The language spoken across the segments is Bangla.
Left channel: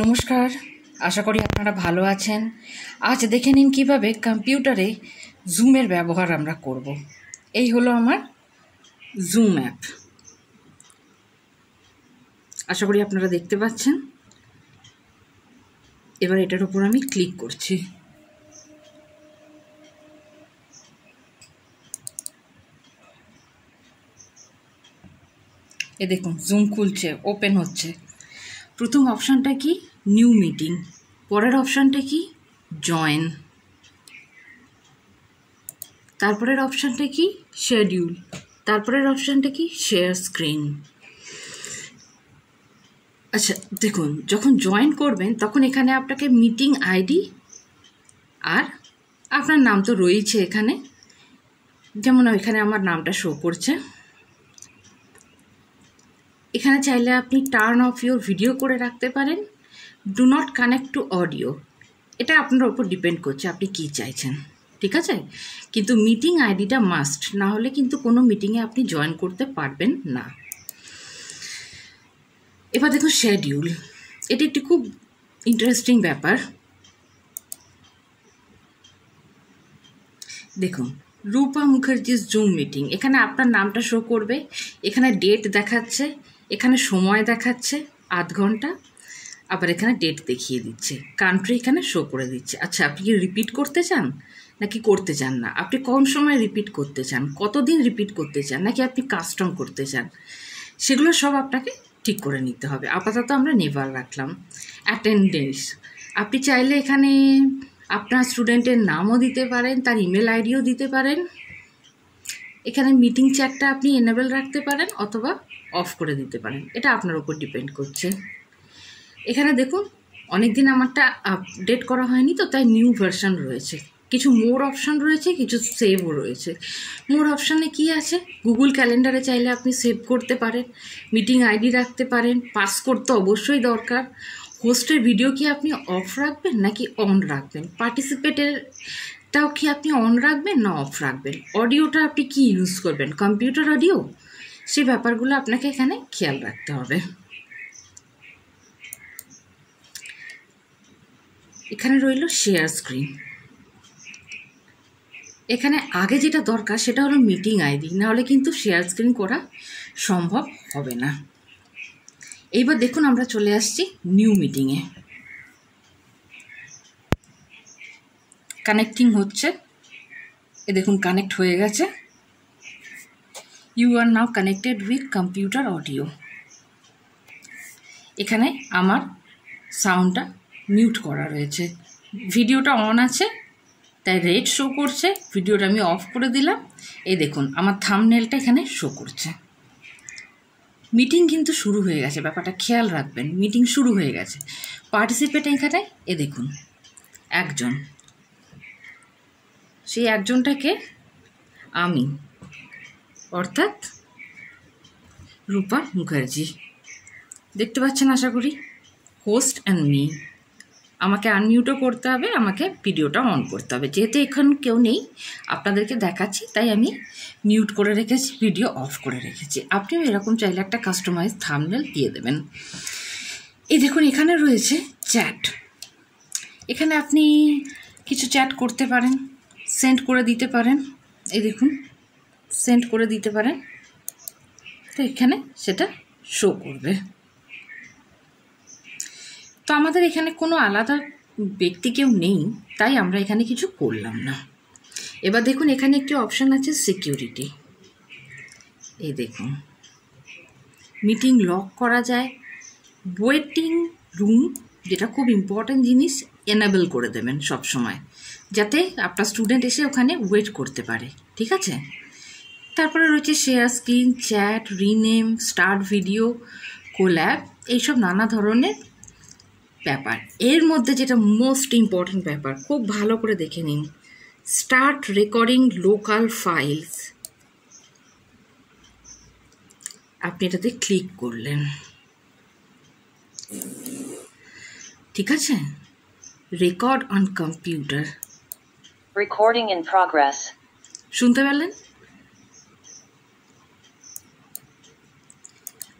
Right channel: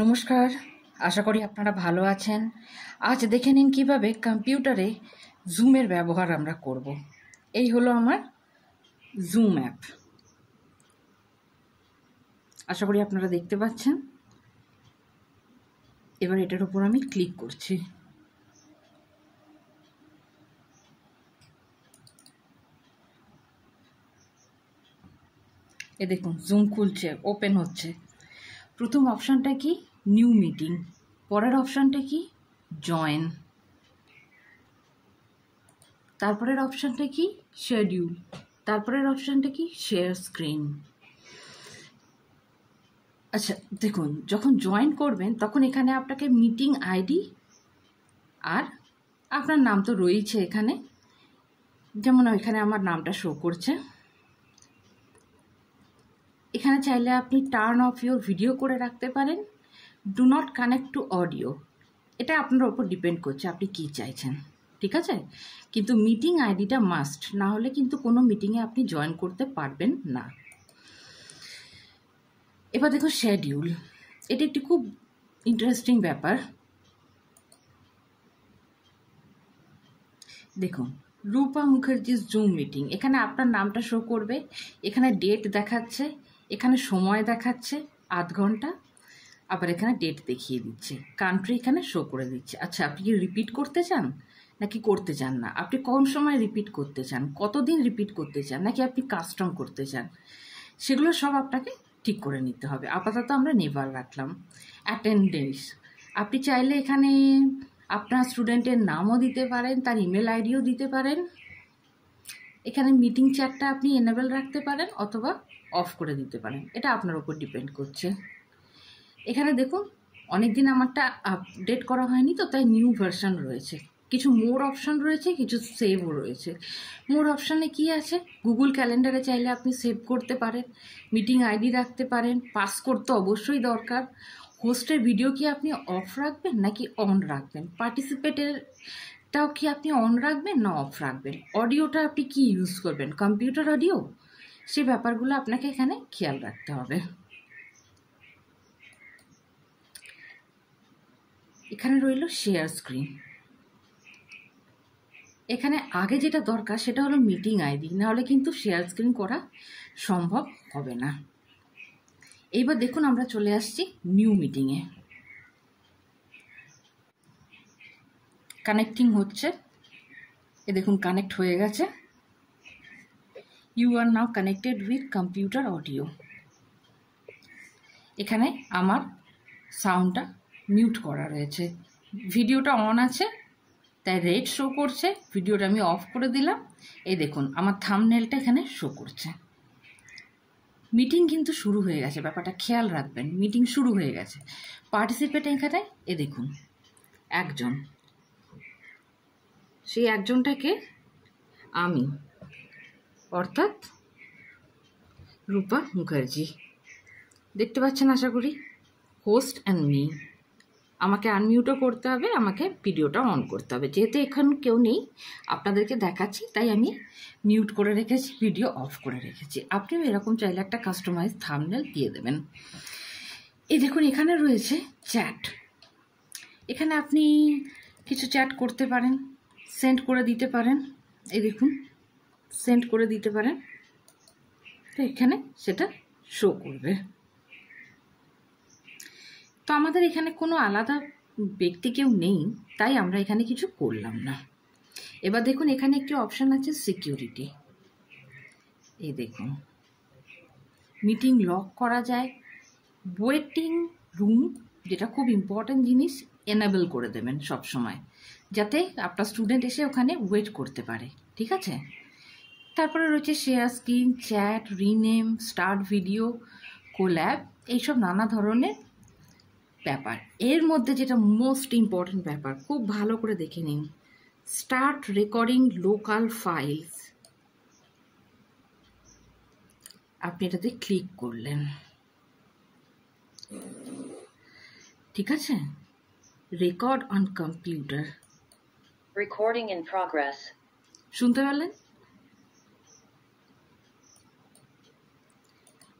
নমস্কার, আশা করি আপনারা ভালো আছেন। আজ দেখে নিন কিভাবে কম্পিউটারে জুমের ব্যবহার আমরা করব। এই হলো আমার জুম অ্যাপ। আশা করি আপনারা দেখতে পাচ্ছেন। এবার এটার উপর আমি ক্লিক করছি। এ দেখুন জুম খুলছে, ওপেন হচ্ছে। প্রথম অপশানটা কি? New meeting. পরের অপশানটা কি? জয়েন। তারপরের অপশানটা কি? শিডিউল। তারপরের অপশানটা কি? Share screen. আচ্ছা দেখুন, যখন জয়েন করবেন তখন এখানে আপনাকে মিটিং আইডি আর আপনার নাম তো রয়েছে এখানে, যেমন এখানে আমার নামটা শো করছে। এখানে চাইলে আপনি টার্ন অফ ইউর ভিডিও করে রাখতে পারেন, do not connect to audio. এটা আপনার ওপর ডিপেন্ড করছে আপনি কী চাইছেন, ঠিক আছে? কিন্তু মিটিং আইডিটা মাস্ট, না হলে কিন্তু কোনো মিটিংয়ে আপনি জয়েন করতে পারবেন না। এবার দেখুন শিডিউল। এটি একটি খুব ইন্টারেস্টিং ব্যাপার। দেখুন, রূপা মুখার্জির জুম মিটিং। এখানে আপনার নামটা শো করবে, এখানে ডেট দেখাচ্ছে, এখানে সময় দেখাচ্ছে 8 ঘন্টা, আবার এখানে ডেট দেখিয়ে দিচ্ছে, কান্ট্রি এখানে শো করে দিচ্ছে। আচ্ছা, আপনি কি রিপিট করতে চান নাকি করতে চান না? আপনি কোন সময় রিপিট করতে চান, কতদিন রিপিট করতে চান, নাকি আপনি কাস্টম করতে চান, সেগুলো সব আপনাকে ঠিক করে নিতে হবে। আপাতত আমরা নেভার রাখলাম। অ্যাটেন্ডেন্স, আপনি চাইলে এখানে আপনার স্টুডেন্টের নামও দিতে পারেন, তার ইমেল আইডিও দিতে পারেন। এখানে মিটিং চ্যাটটা আপনি এনেবল রাখতে পারেন অথবা অফ করে দিতে পারেন, এটা আপনার উপর ডিপেন্ড করছে। এখানে দেখুন, অনেক দিন আমারটা আপডেট করা হয়নি তো, তাই নিউ ভার্সন রয়েছে। কিছু মোর অপশান রয়েছে, কিছু সেভও রয়েছে। মোর অপশানে কি আছে? গুগল ক্যালেন্ডারে চাইলে আপনি সেভ করতে পারেন, মিটিং আইডি রাখতে পারেন, পাসকোড তো অবশ্যই দরকার। হোস্টের ভিডিও কি আপনি অফ রাখবেন নাকি অন রাখবেন? পার্টিসিপেটেরটাও কি আপনি অন রাখবেন না অফ রাখবেন? অডিওটা আপনি কি ইউজ করবেন, কম্পিউটার অডিও? সেই ব্যাপারগুলো আপনাকে এখানে খেয়াল রাখতে হবে। এখানে রইল শেয়ার স্ক্রিন। এখানে আগে যেটা দরকার সেটা হলো মিটিং আইডি, নাহলে কিন্তু শেয়ার স্ক্রিন করা সম্ভব হবে না। এইবার দেখুন, আমরা চলে আসছি নিউ মিটিংয়ে। কানেক্টিং হচ্ছে, এ দেখুন কানেক্ট হয়ে গেছে। You are now connected with computer audio. এখানে আমার সাউন্ডটা মিউট করা রয়েছে, ভিডিওটা অন আছে তাই রেড শো করছে। ভিডিওটা আমি অফ করে দিলাম, এই দেখুন আমার থাম্বনেলটা এখানে শো করছে। মিটিং কিন্তু শুরু হয়ে গেছে, ব্যাপারটা খেয়াল রাখবেন, মিটিং শুরু হয়ে গেছে। পার্টিসিপেট এখানে এ দেখুন একজন, সেই একজনটাকে আমি, অর্থাৎ রূপা মুখার্জি। দেখতে পাচ্ছেন আশা করি, হোস্ট অ্যান্ড মি। আমাকে আনমিউটও করতে হবে, আমাকে ভিডিওটা অন করতে হবে। যেহেতু এখন কেউ নেই, আপনাদেরকে দেখাচ্ছি তাই আমি মিউট করে রেখেছি, ভিডিও অফ করে রেখেছি। আপনিও এরকম চাইলে একটা কাস্টমাইজ থাম্বনেল দিয়ে দেবেন। এই দেখুন এখানে রয়েছে চ্যাট। এখানে আপনি কিছু চ্যাট করতে পারেন, সেন্ড করে দিতে পারেন। এই দেখুন সেন্ড করে দিতে পারেন, তো এখানে সেটা শো করবে। তো আমাদের এখানে কোনো আলাদা ব্যক্তি কেউ নেই, তাই আমরা এখানে কিছু করলাম না। এবার দেখুন এখানে একটি অপশান আছে সিকিউরিটি। এই দেখুন মিটিং লক করা যায়। ওয়েটিং রুম, যেটা খুব ইম্পর্ট্যান্ট জিনিস, এনেবল করে দেবেন সব সময়, যাতে আপনার স্টুডেন্ট এসে ওখানে ওয়েট করতে পারে, ঠিক আছে? তারপরে রয়েছে share screen, chat, rename, start video, collab, এইসব নানা ধরনের ব্যাপার। এর মধ্যে যেটা মোস্ট ইম্পর্ট্যান্ট ব্যাপার, খুব ভালো করে দেখে নিন, স্টার্ট রেকর্ডিং লোকাল ফাইলস। আপনি এটাতে ক্লিক করলেন, ঠিক আছে? Record on computer, recording in progress, শুনতে পেলেন?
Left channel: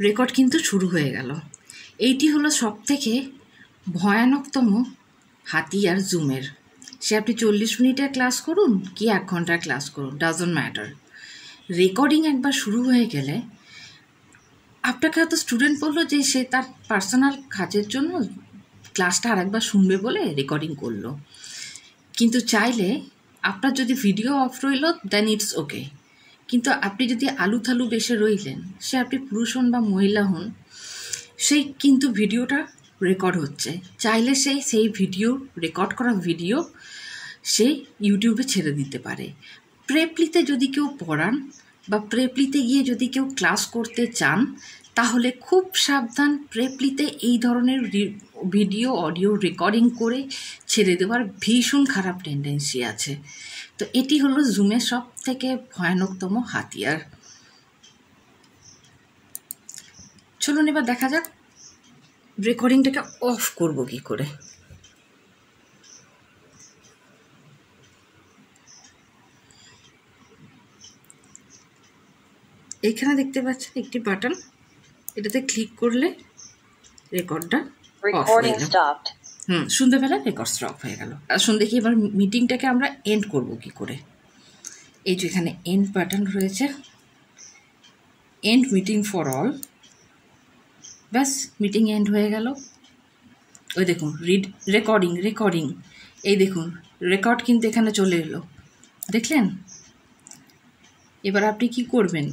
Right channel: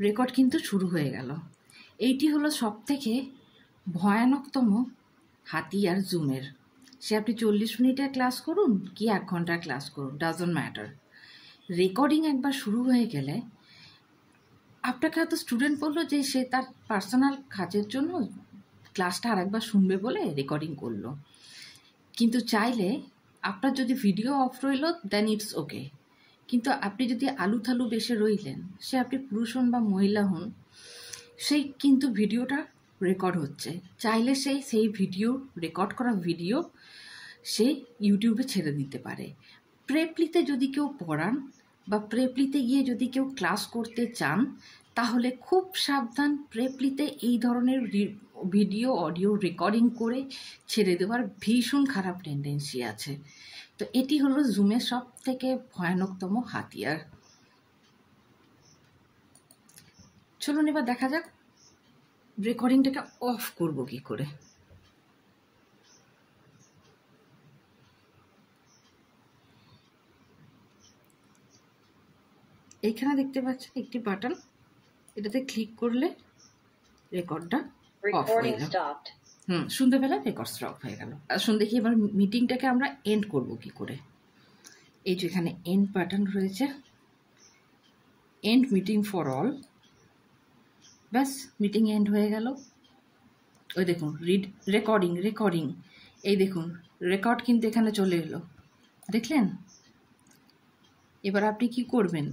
রেকর্ড কিন্তু শুরু হয়ে গেল। এইটি হলো সবথেকে ভয়ানকতম হাতিয়ার জুমের। সে আপনি 40 মিনিটের ক্লাস করুন কি 1 ঘন্টার ক্লাস করুন, ডাজন্ট ম্যাটার। রেকর্ডিং একবার শুরু হয়ে গেলে আপনাকে হয়তো স্টুডেন্ট বললো যে সে তার পার্সোনাল কাজের জন্য ক্লাসটা আরেকবার শুনবে বলে রেকর্ডিং করলো, কিন্তু চাইলে আপনার যদি ভিডিও অফ রইল দেন ইটস ওকে, কিন্তু আপনি যদি আলু থালু বেসে রইলেন, সে আপনি পুরুষ হন বা মহিলা হন, সেই কিন্তু ভিডিওটা রেকর্ড হচ্ছে, চাইলে সেই ভিডিও রেকর্ড করা ভিডিও সে ইউটিউবে ছেড়ে দিতে পারে। প্রেপলিতে যদি কেউ পড়ান বা প্রেপলিতে গিয়ে যদি কেউ ক্লাস করতে চান, তাহলে খুব সাবধান, প্রেপলিতে এই ধরনের ভিডিও অডিও রেকর্ডিং করে ছেড়ে দেওয়ার ভীষণ খারাপ টেন্ডেন্সি আছে। তো এটি হলো জুমের সব থেকে ভয়ানকতম হাতিয়ার। চলুন এবার দেখা যাক রেকর্ডিংটাকে অফ করব কি করে। এইখানে দেখতে পাচ্ছেন একটি বাটন, এটাতে ক্লিক করলে রেকর্ডটা অফ হয়ে গেল। শুনতে পেলে রেকর্ড স্টপ হয়ে গেল। আসুন দেখি এবার মিটিংটাকে আমরা এন্ড করব কি করে। এই যে এখানে এন্ড বাটন রয়েছে, এন্ড মিটিং ফর অল, ব্যাস মিটিং এন্ড হয়ে গেল। ওই দেখুন রেকর্ডিং, এই দেখুন রেকর্ড কিন্তু এখানে চলে এলো, দেখলেন? এবার আপনি কি করবেন?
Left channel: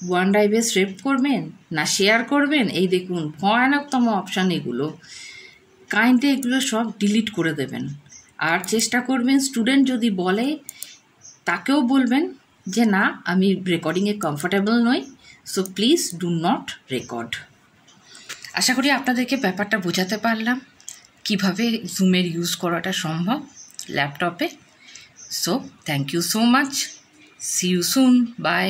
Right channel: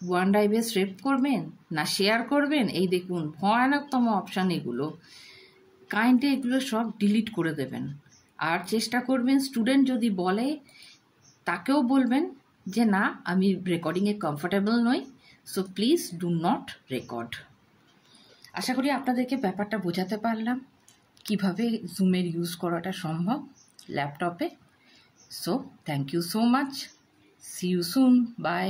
ওয়ান ড্রাইভে সেভ করবেন না শেয়ার করবেন? এই দেখুন ভয়ানকতম অপশান এগুলো, কাইন্ডলি এগুলো সব ডিলিট করে দেবেন। আর চেষ্টা করবেন স্টুডেন্ট যদি বলে তাকেও বলবেন যে না আমি রেকর্ডিংয়ে কমফোর্টেবল নই, so please do not record. আশা করি আপনাদেরকে ব্যাপারটা বোঝাতে পারলাম কিভাবে জুমের ইউজ করাটা সম্ভব ল্যাপটপে। So thank you so much, see you soon, by.